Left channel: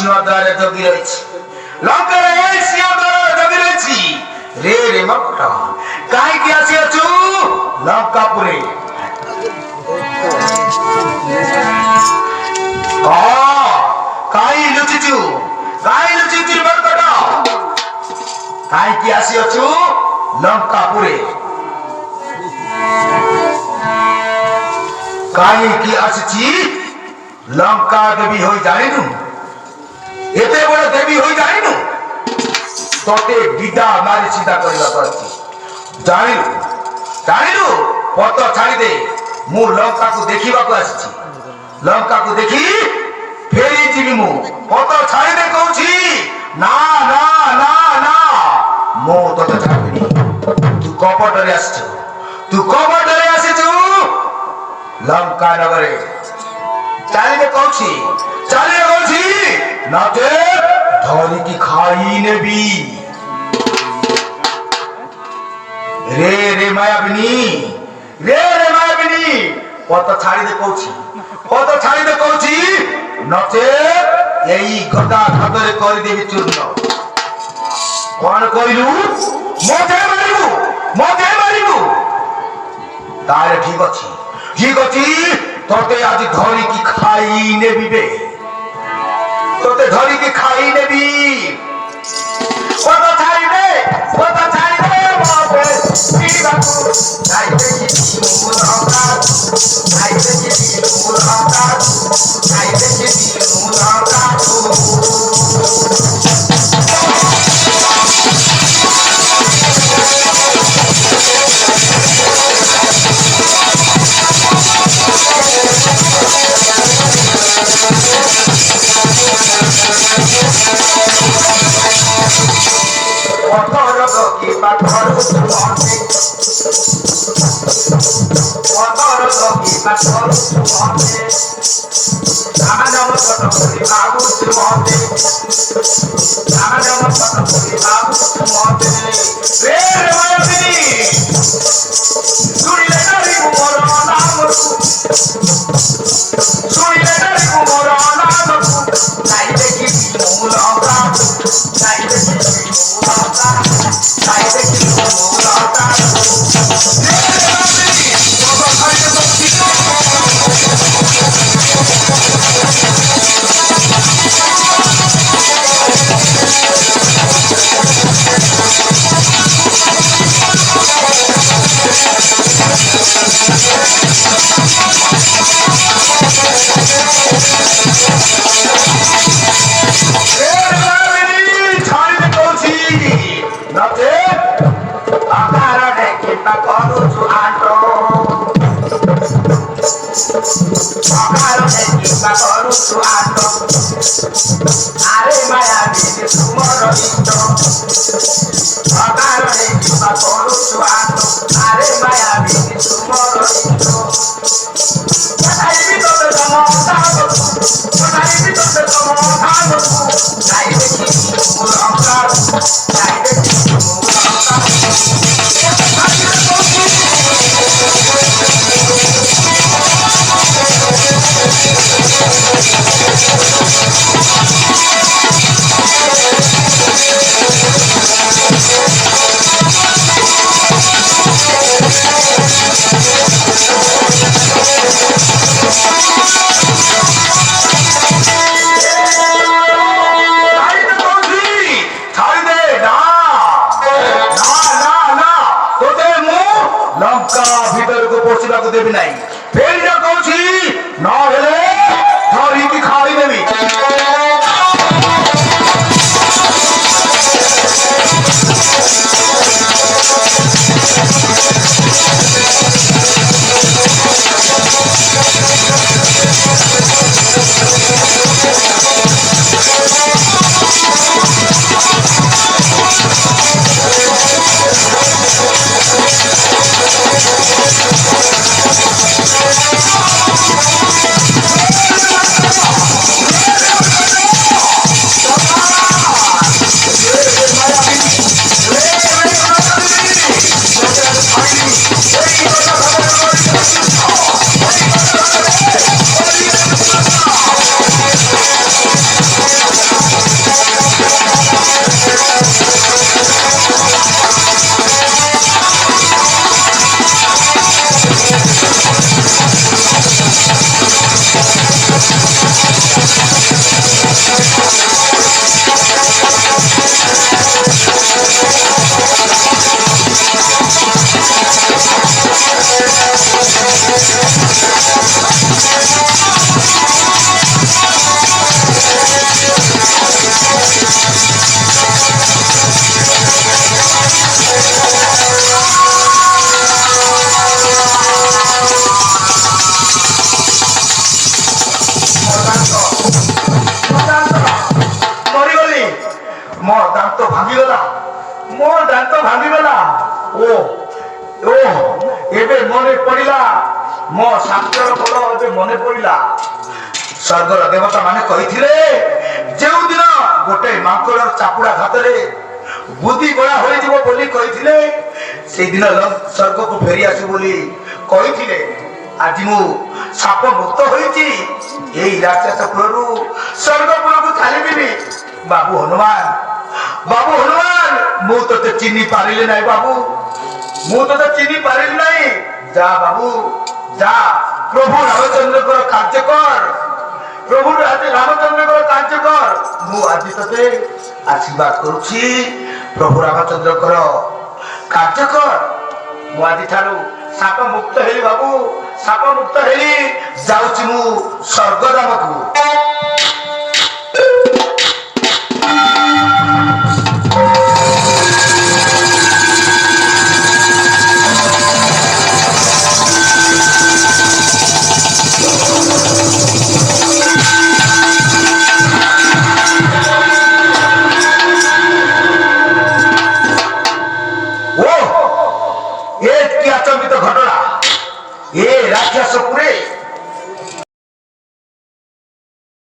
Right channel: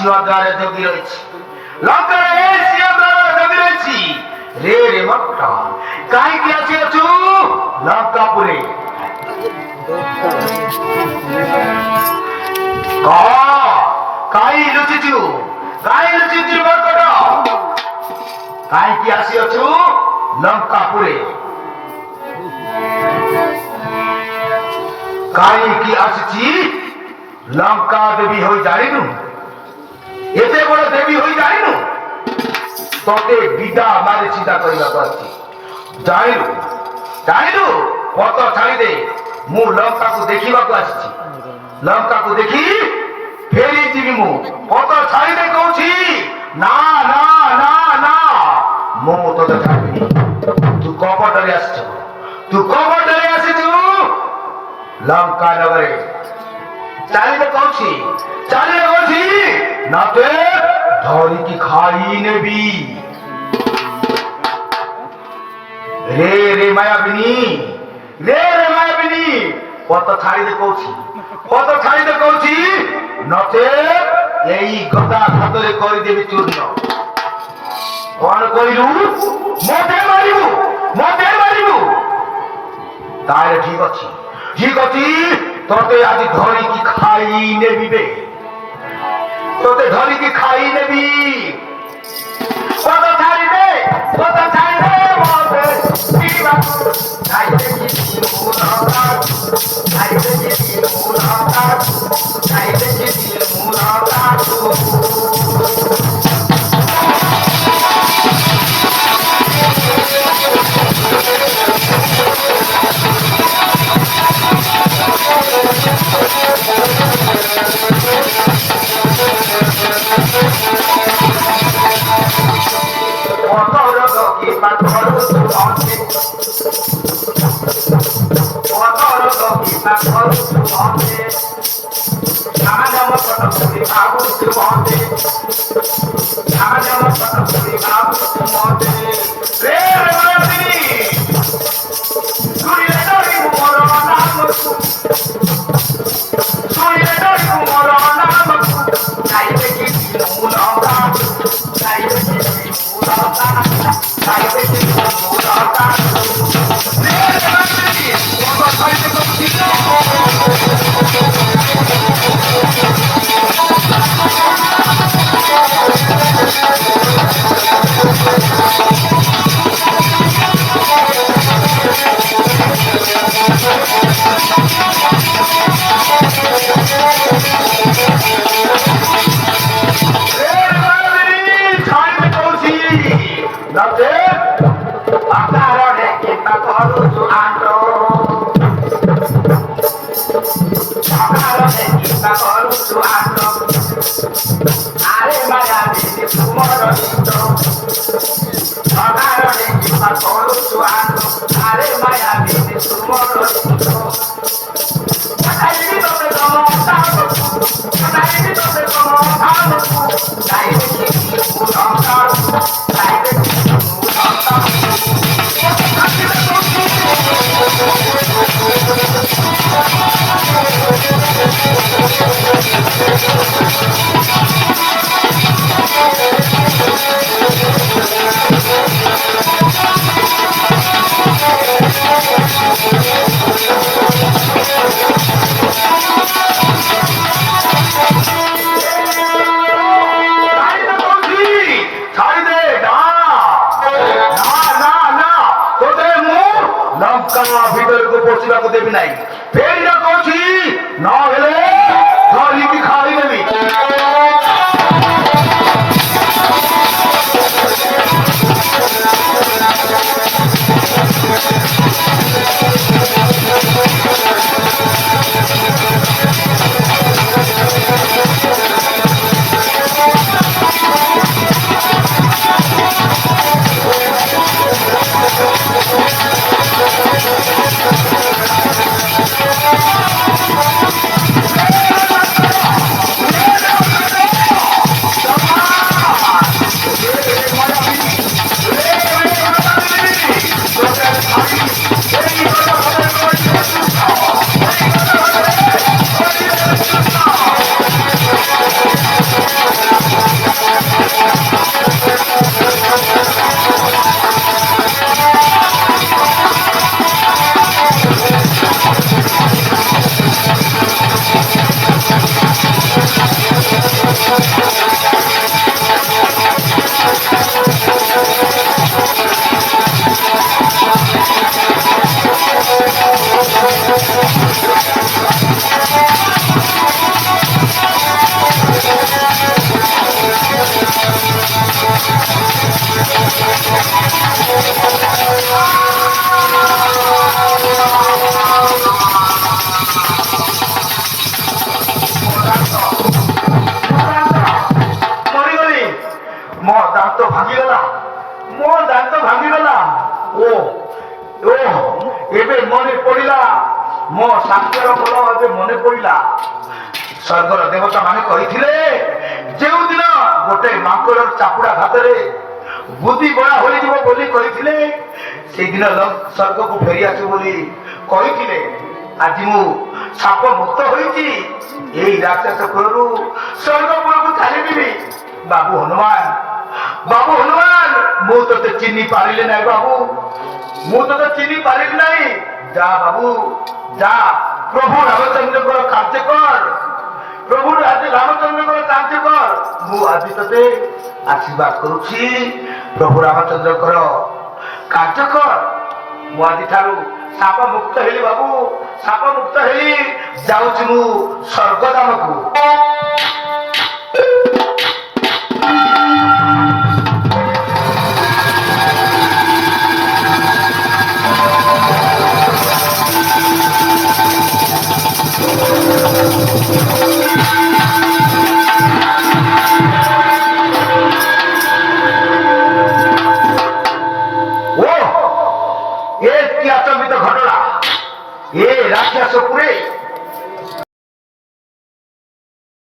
সিংহদ্বারে জগি রয়েছি, লঙ্কার এই সিংহদ্বারে জগি রয়েছি। রে রে মকট কাহিকি আসিয়াছু লঙ্কাপুরে? কাই লুচিছু মকট, কাহিকি আসিয়াছু লঙ্কাপুরে? কাহিকি আসিছি লঙ্কা দেবী হই জানিনু, এতে বড় দেবী হই জানিনু, তোতে বিদা মারি চিন্তা করিবা করছি। জানিনু জানিনু পত ছাড়ি দে, মু লঙ্কাକୁ ଦେଖିବାକୁ ଆସିছি। ଲଙ୍କାକୁ ଦେଖି ଫେରି ଯିବି ମୁଁ, ପତ ଛାଡ଼ି ଦେ କହୁଛି। ନା ନା ନା ନା, ମୁଁ ତତେ ଛାଡ଼ିବିନି। ତୁ କପଟରେ ଆସିଛୁ, ତୁ କପଟରେ ଆସିଛୁ ଲଙ୍କା ନଗରେ। ଚାଲିବେ କହୁଛି, ଚାଲିବେ କହୁଛି, ନଚେତ୍ ଧରିକି ଖାଇ ନେବି। রে রে মায়াবিনী, রে রে মায়াবিনী, পত ছাড়ি দে কହୁছি, পত ছাড়ি দে কହୁছি, নচেত এই গদা ঘাতরে କରିଦେବି চূর্ণ। କଣ କହିଲୁ? ମତେ ମାରିବୁ, ମତେ ମାରିବୁ? ତାହେଲେ ଠିକ ଅଛି, ଠିକ ଅଛି, ତତେ ଆଜି ଧରିକି ଖାଇ ନେବି ବେ, ତତେ ଧରିକି ଖାଇ ନେବି। ପତ ଛାଡି ଦେ, ପତ ଛାଡି ଦେ, ମତେ ପିଇବାକୁ ଖାଇତେ ଯିବି ମୁଁ ଲଙ୍କା, ଖାଇତେ ଯିବି ମୁଁ ଲଙ୍କା, ଖାଇତେ ଯିବି ମୁଁ ଲଙ୍କାକୁ। আরে মায়া দিদি তুমর গীত, অকারণে কিবা করুছু আনন্দ। আরে মায়া দিদি তুমর গীত, কথাইবি তোতে সমতা বলবু, কথাইবি তোতে সমতা বলবু। যাই দেখি মু লঙ্কা, যাই দেখি মু লঙ্কা। লঙ্কা ভিতরକୁ পশিବାକୁ দেবি নাই, ফেরি না কହୁছি, নহেলে ধরিকি খাই নেবি। ଦାନ୍ତ ଭାଙ୍ଗିଗଲା, ମୋ ଦାନ୍ତ ଭାଙ୍ଗିଗଲା। ଓ ଓ ଏବେ ମନେ ପଡ଼ିଲା, ମୋ ଶାସ୍ତ୍ରର ଫଳ ଏବେ ମନେ ପଡ଼ିଲା। ସ୍ୱର୍ଗର ଦେବତା ମାନେ କହିଥିଲେ ଯେଉଁଦିନ ଗୋଟେ ମାଙ୍କଡର ଚାପୁଡା ଘାତରେ ବୁଦ୍ଧି ଗଳା ହୋଇଯିବ ବୋଲି କହିଥିଲେ, ସେଇଦିନ ସ୍ୱର୍ଗକୁ ଫେରି ଆସିବୁ ବୋଲି କହିଥିଲେ। ଆଜି ମୁଁ ସାପ ମୁକ୍ତ ହୋଇଛି, ଏଇ ରାକ୍ଷସ କୁଳରୁ ସ୍ୱର୍ଗପୁରକୁ ଚାଲିଯିବି। ବାବୁ ହନୁମାନ, ବାବୁ ହନୁମାନ, ମୁଁ ତତେ ଚିହ୍ନି ପାରିଲି ନାହିଁ ବାବୁ, ମୁଁ ତତେ ଚିହ୍ନି ପାରିଲି ନାହିଁ। ଯା ବାବୁ ଯା, ପ୍ରଭୁ ରାମଚନ୍ଦ୍ରଙ୍କର କାର୍ଯ୍ୟ କର, ପ୍ରଭୁ ରାମଚନ୍ଦ୍ରଙ୍କର କାର୍ଯ୍ୟ କର। ମୁଁ ଆଜି ତତେ ଆଶୀର୍ବାଦ କରୁଛି, ପ୍ରଭୁ ରାମଚନ୍ଦ୍ରଙ୍କର କାର୍ଯ୍ୟ କର। ମୁଁ ଆଜିଠାରୁ ସାପ ମୁକ୍ତ ହେଲି ବାବୁ, ସାପ ମୁକ୍ତ ହେଲି, ଯାଉଛି ମୁଁ ସ୍ୱର୍ଗଧାମକୁ। ঘটনা এ রাক্ষসপুরে